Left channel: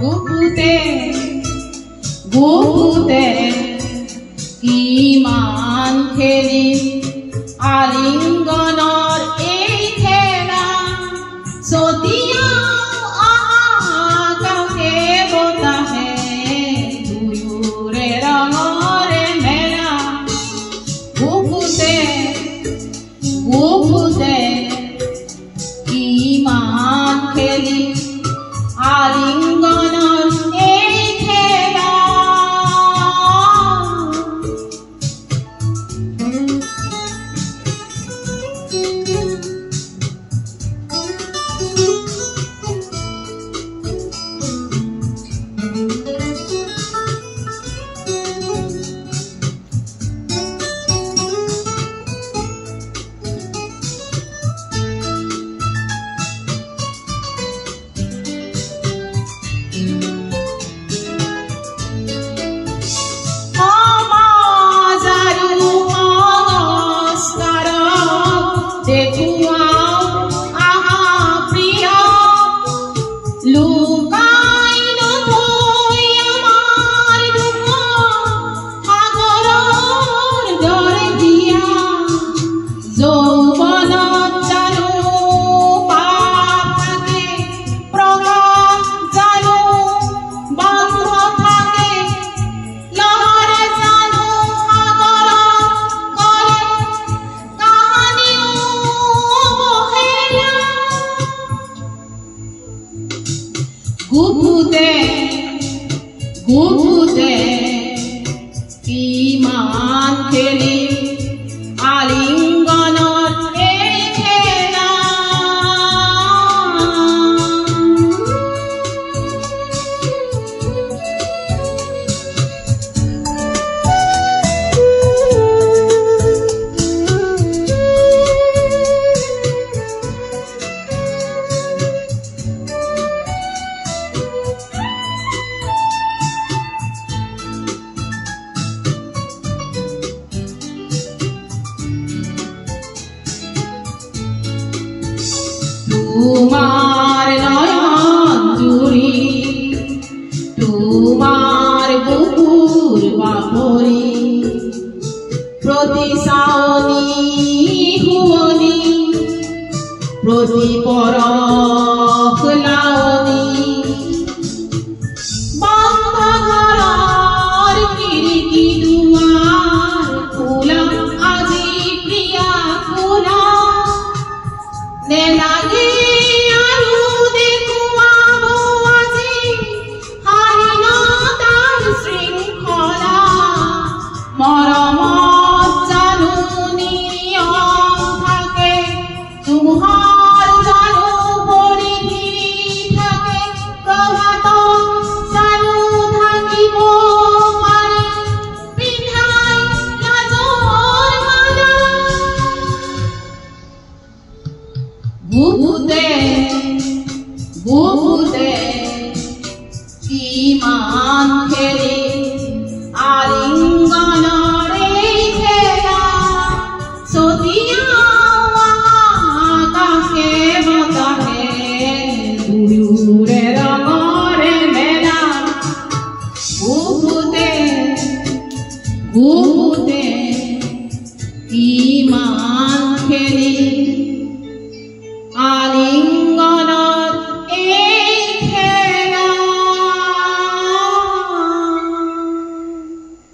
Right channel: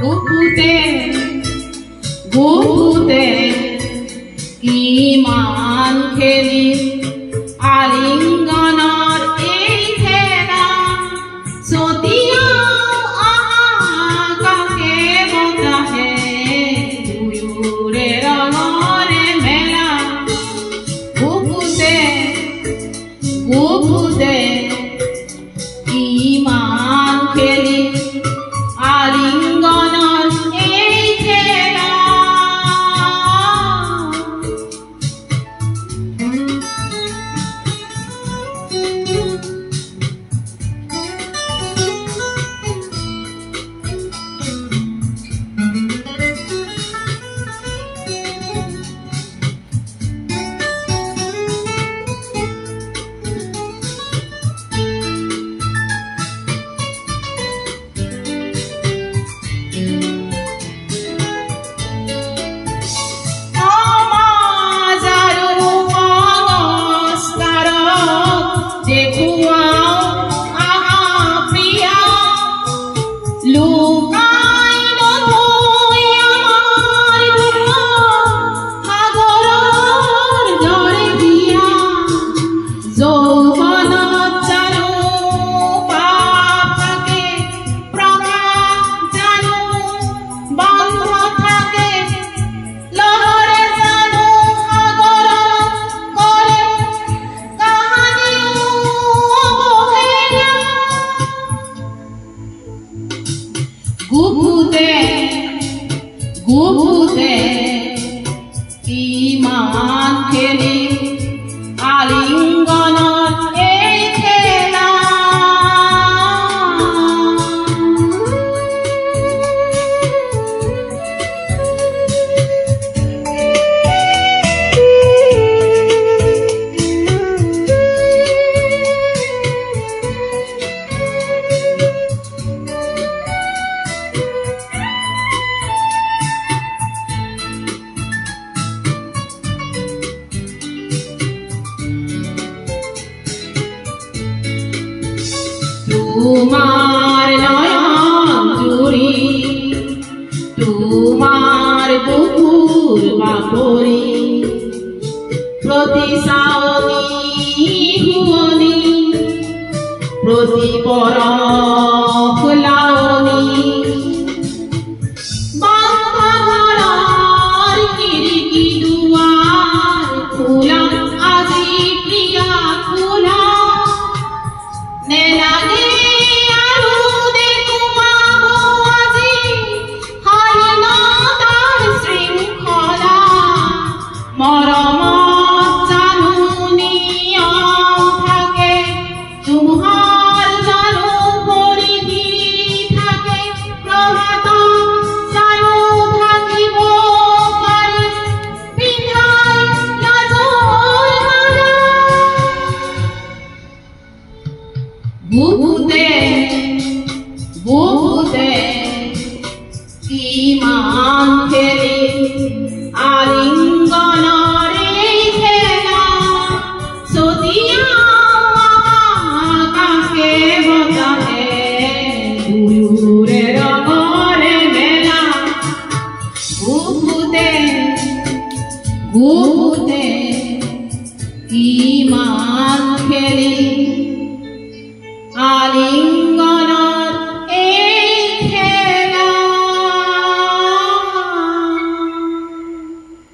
গুপুতে গুপুতে কিমান খেলি আলিঙ্গনৰ এই খেলা ছটিয়াও আকাশে বতাহে দুয়োৰে ৰঙৰে মেলা গুপুতে গুপুতে কিমান খেলি আলিঙ্গনৰ এই খেলা গুপুতে গুপুতে কিমান খেলি আলিঙ্গনৰ এই খেলা তোমাৰ নয়ন জুড়ি তোমাৰ বুকুৰ বাপৰি প্ৰতি সাওনি হুয়নি প্ৰতি পৰশ লাওনি বান্ধা ঘৰৰ খিৰিকী দুৱাৰ খোলা আজি প্ৰিয়া খোলা নেলাগে গুপুতে গুপুতে কিমান খেলি আলিঙ্গনৰ এই খেলা ছটিয়াও আকাশে বতাহে দুয়োৰে ৰঙৰে মেলা গুপুতে